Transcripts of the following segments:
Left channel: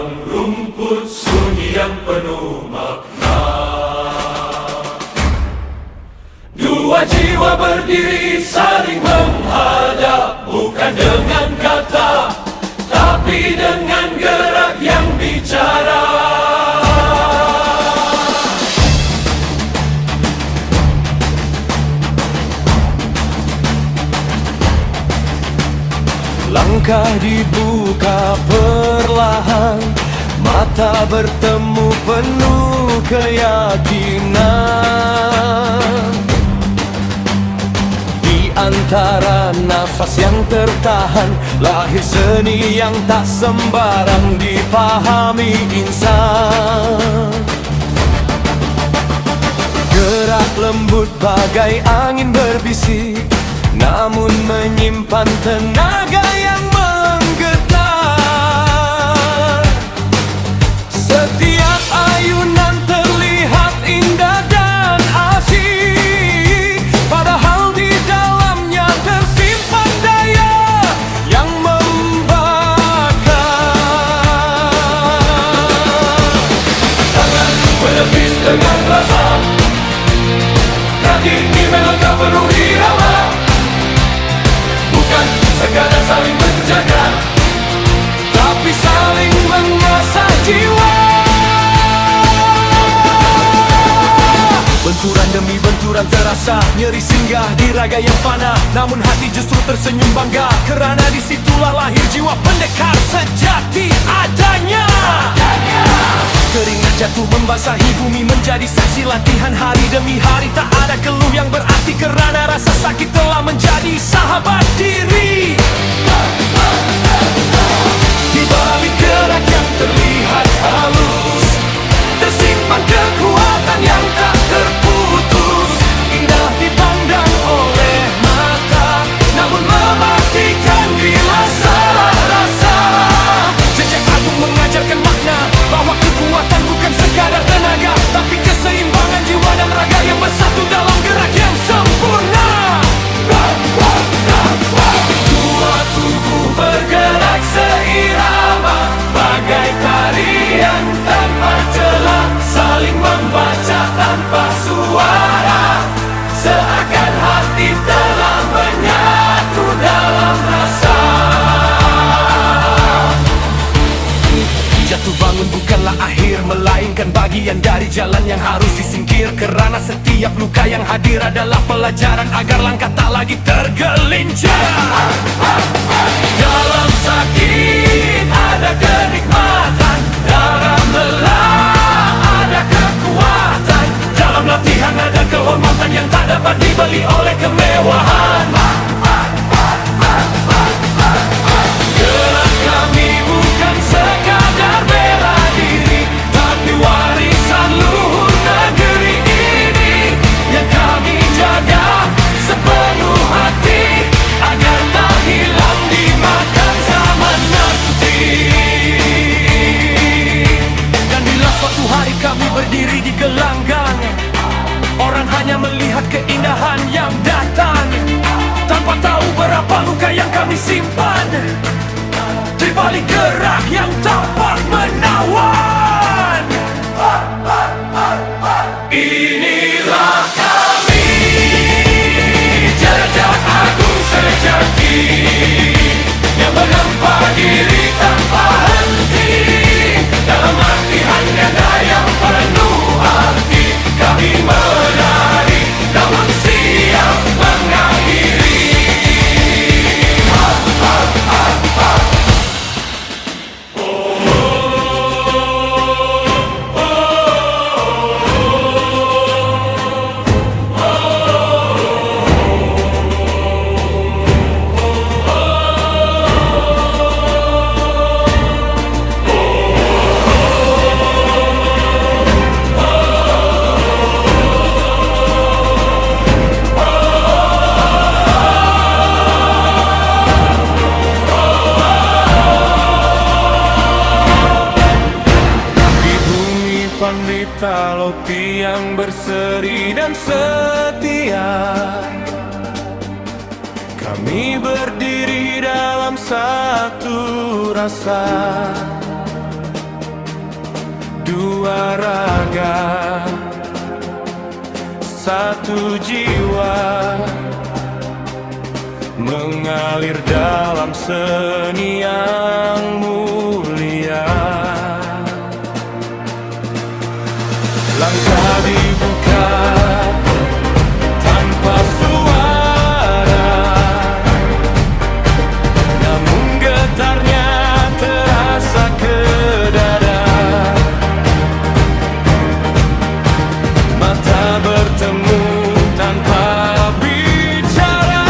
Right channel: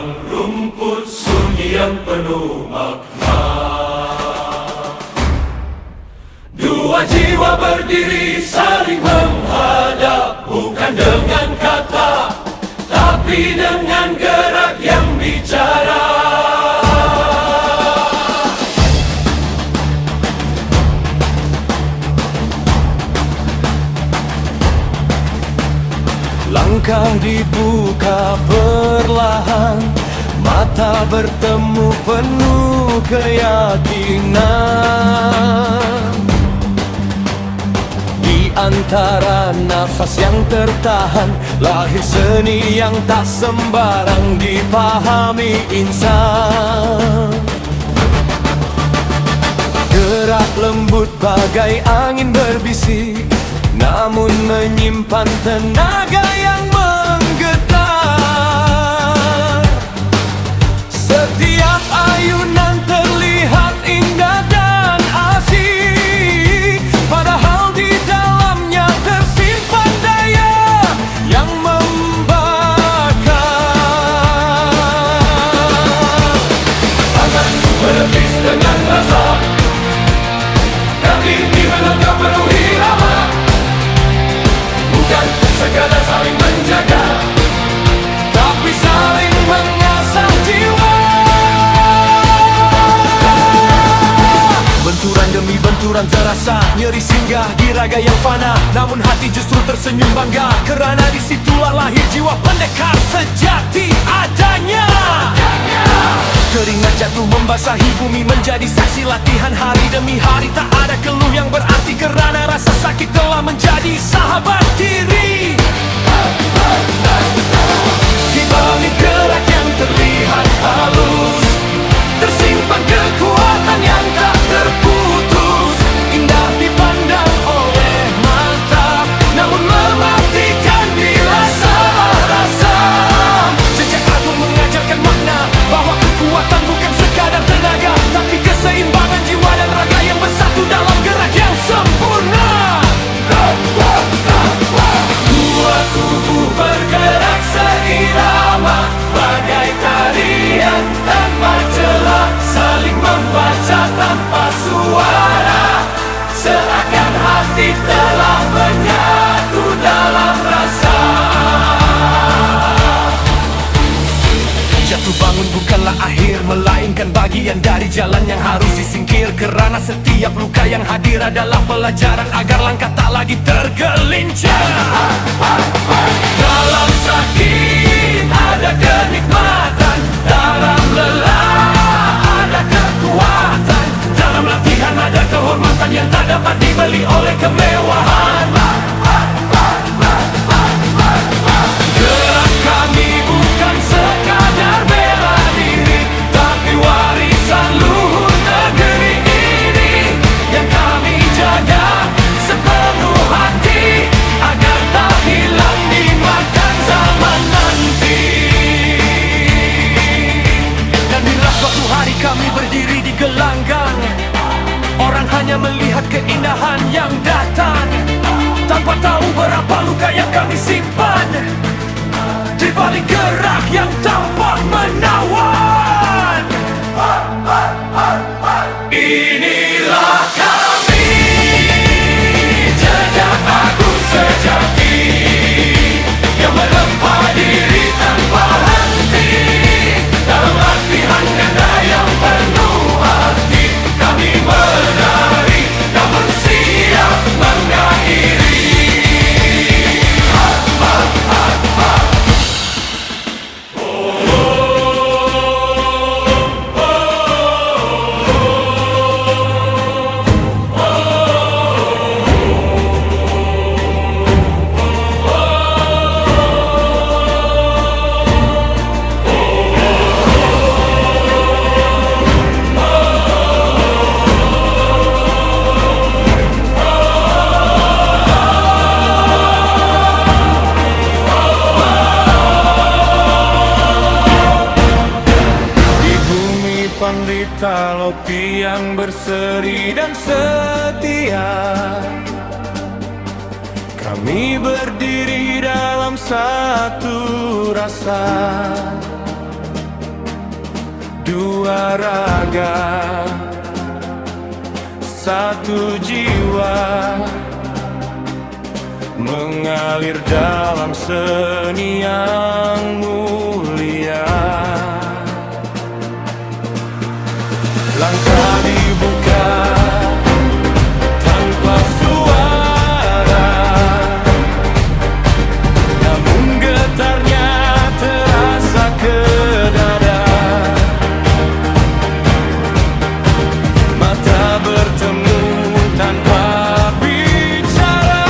padang rumput sunyi yang penuh makna. Dua jiwa berdiri saling menghadap, bukan dengan kata, tapi dengan gerak yang bicara. Langkah dibuka perlahan, mata bertemu penuh keyakinan. Di antara nafas yang tertahan, lahir seni yang tak sembarang dipahami insan. Gerak lembut bagai angin berbisik, namun menyimpan tenaga yang menggetar. Setiap ayunan terlihat indah dan asik, padahal di dalamnya tersimpan daya yang membakar. Tangan menepis dengan rasa, kaki ini melangkah penuh irama, bukan sekadar saling menjaga, tapi saling mengasah jiwa. Benturan demi benturan terasa, nyeri singgah di raga yang fana, namun hati justru tersenyum bangga, kerana disitulah lahir jiwa pendekar sejati adanya. Keringat jatuh membasahi bumi, menjadi saksi latihan hari demi hari. Tak ada keluh yang berarti, kerana rasa sakit telah menjadi sahabat diri. Di balik gerak yang terlihat halus, tersimpan kekuatan yang tak terputus. Indah dipandang oleh mata, namun mematikan bila salah rasa. Jejak agung mengajarkan makna, bahwa kekuatan bukan sekadar tenaga, tapi keseimbangan jiwa dan raga yang bersatu dalam gerak yang sempurna. Dua tubuh bergerak seirama, bagai tarian tanpa celah, saling membaca tanpa suara, seakan hati telah menyatu dalam rasa. Jatuh bangun bukanlah akhir, melainkan bagian dari jalan yang harus disingkir, kerana setiap luka yang hadir adalah pelajaran agar langkah tak lagi tergelincir. Dalam sakit ada kenikmatan, dalam lelah ada kekuatan, dalam latihan ada kehormatan yang tak dapat dibeli oleh kemewahan. Gerak kami bukan sekadar bela diri, tapi warisan luhur negeri ini yang kami jaga sepenuh hati, agar tak hilang dimakan zaman nanti. Dan bila suatu hari kami berdiri di gelanggang, orang hanya melihat keindahan yang datang, tanpa tahu berapa luka yang kami simpan di balik gerak yang tampak menawan. Inilah kami, jejak agung sejati, yang menempa diri tanpa henti, dalam latihan ganda yang penuh arti. Kami menari, namun siap mengakhiri. Pandita Lopi yang berseri dan setia, kami berdiri dalam satu rasa. dua raga, satu jiwa, mengalir dalam seni yang mulia. Langkah dibuka tanpa suara, namun getarnya terasa ke dada. Mata bertemu tanpa bicara,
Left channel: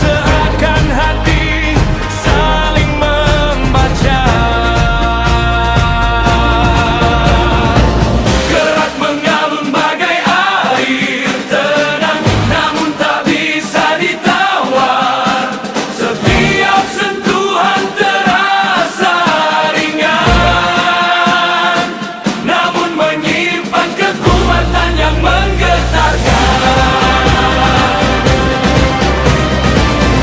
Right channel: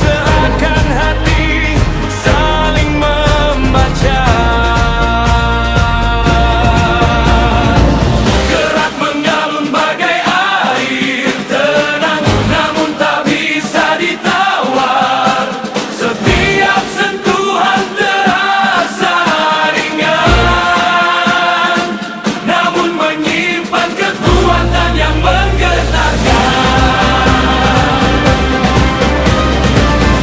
seakan hati saling membaca. Gerak mengalun bagai air tenang, namun tak bisa ditawar. Setiap sentuhan terasa ringan, namun menyimpan kekuatan yang menggetarkan.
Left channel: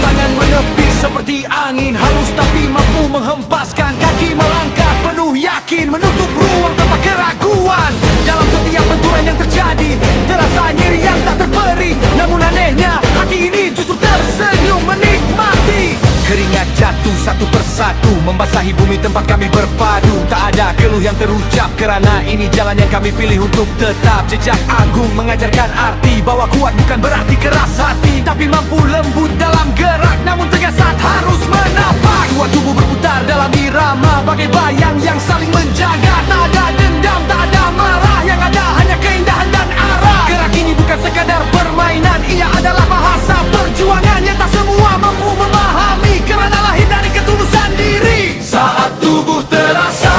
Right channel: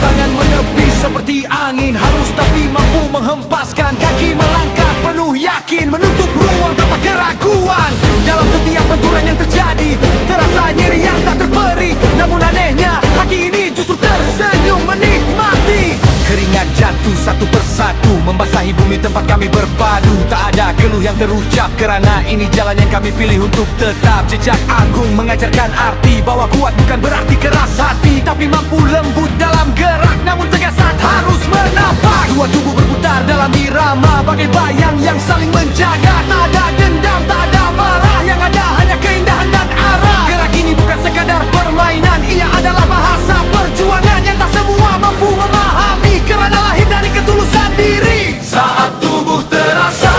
Tangan menepi seperti angin halus, tapi mampu menghempaskan. Kaki melangkah penuh yakin, menutup ruang tanpa keraguan. Dalam setiap benturan yang terjadi, terasa nyeri yang tak terperi. Namun anehnya, hati ini justru tersenyum menikmati. Keringat jatuh satu persatu, membasahi bumi tempat kami berpadu. Tak ada keluh yang terucap, kerana ini jalan yang kami pilih untuk tetap. Jejak agung mengajarkan arti bahwa kuat bukan berarti keras hati, tapi mampu lembut dalam gerak, namun tegas saat harus menapak. Dua tubuh berputar dalam irama, bagai bayang yang saling menjaga. Tak ada dendam, tak ada marah, yang ada hanya keindahan dan arah. Gerak ini bukan sekadar permainan, ia adalah bahasa perjuangan yang tak semua mampu memahami, kerana lahir dari ketulusan diri. Saat tubuh terasa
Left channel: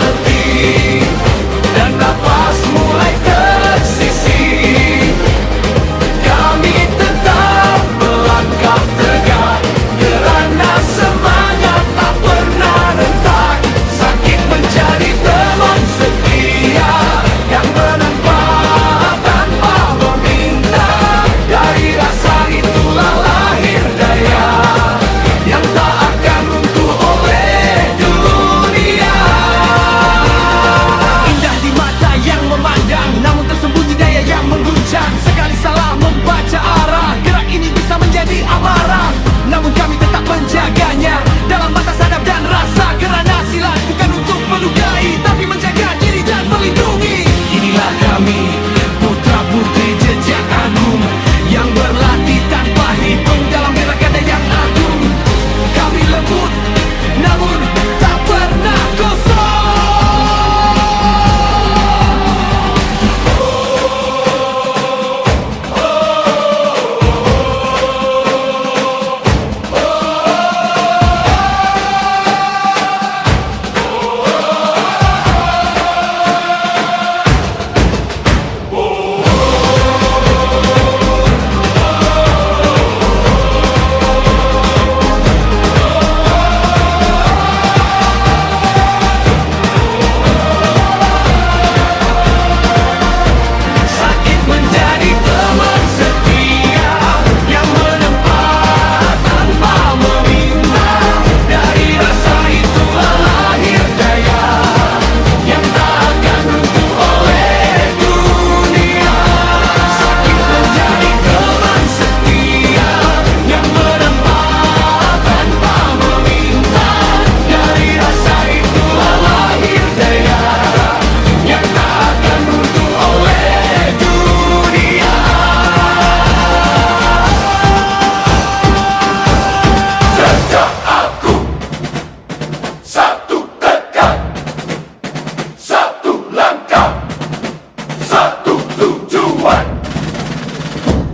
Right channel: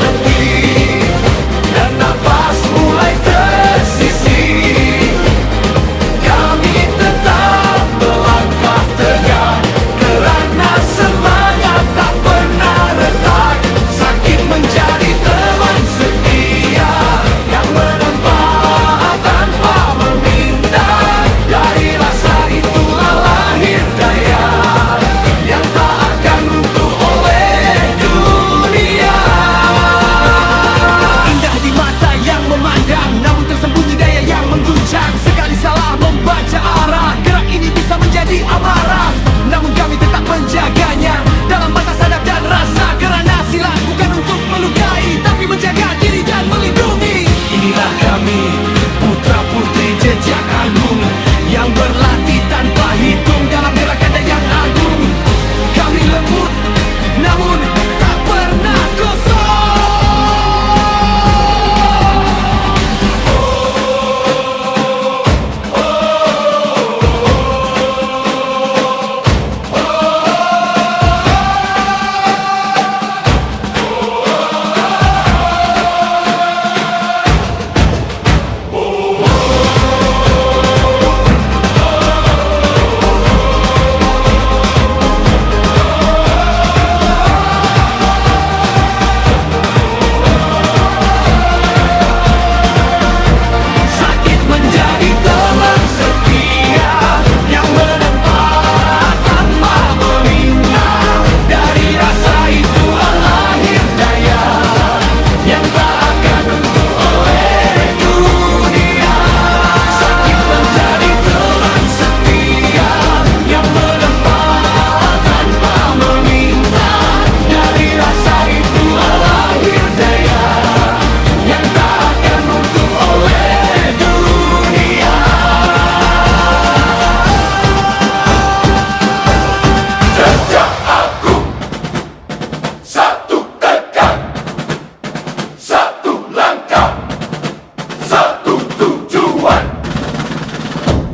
letih dan napas mulai tersisih, kami tetap melangkah tegak, kerana semangat tak pernah rentak. Sakit menjadi teman setia yang menempa tanpa meminta. Dari rasa itulah lahir daya yang tak akan runtuh oleh dunia. Indah di mata yang memandang, namun tersembunyi daya yang mengguncang. Sekali salah membaca arah, gerak ini bisa menjadi amarah, namun kami tetap menjaganya dalam batas adab dan rasa. Kerana silat bukan untuk melukai, tapi menjaga diri dan melindungi. Inilah kami, putra putri jejak agung, yang berlatih tanpa hitung dalam gerak ganda yang agung. Kami lembut, namun tak pernah kosong.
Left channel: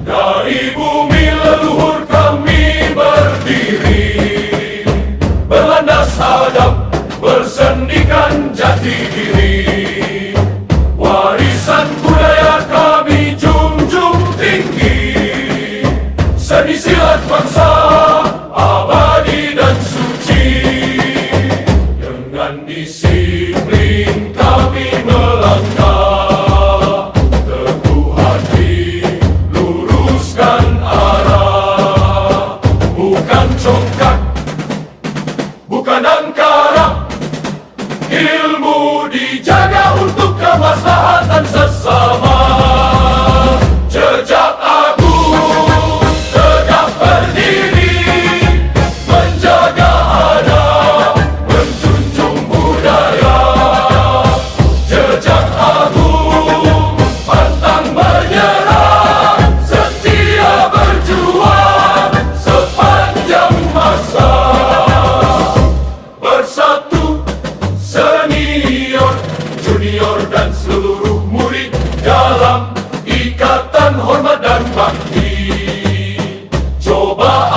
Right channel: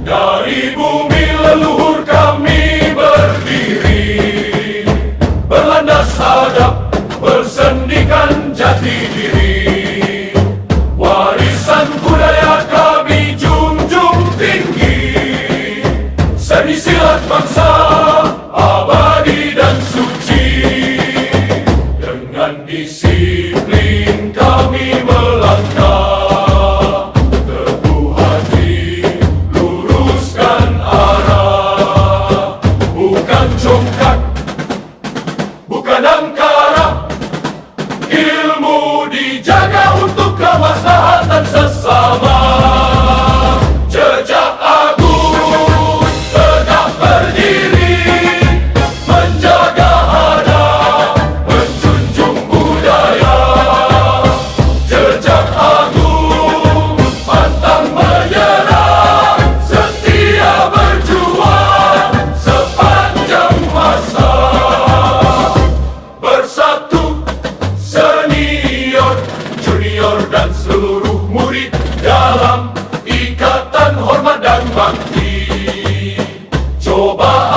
Dari bumi leluhur kami berdiri, berlandas hadap, bersendikan jati diri. Warisan budaya kami junjung tinggi, seni silat bangsa abadi dan suci. Dengan disiplin kami melangkah, teguh hati luruskan arah. Bukan congkak, bukan angkara,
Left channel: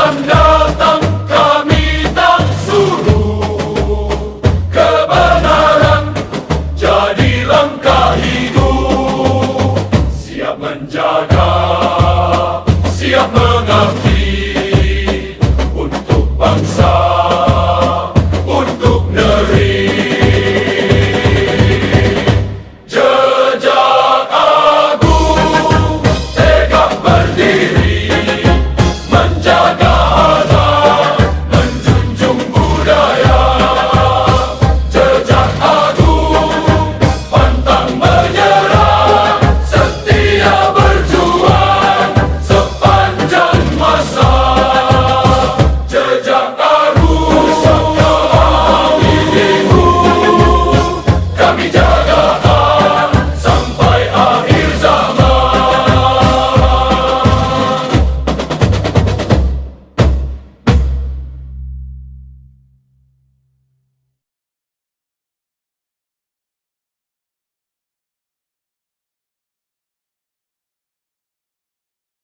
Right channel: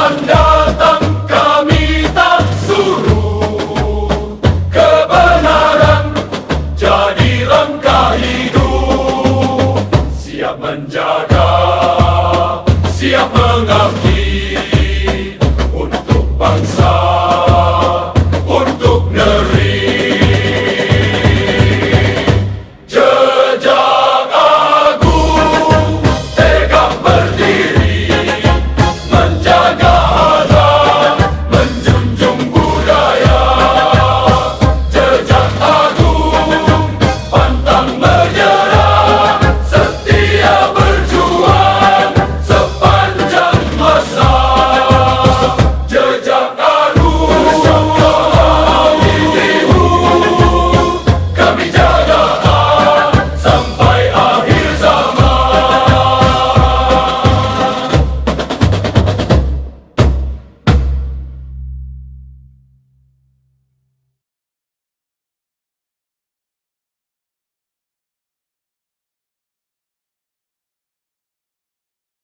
akan datang, kami tak suruh. Kebenaran jadi langkah hidup. Siap menjaga, siap mengabdi.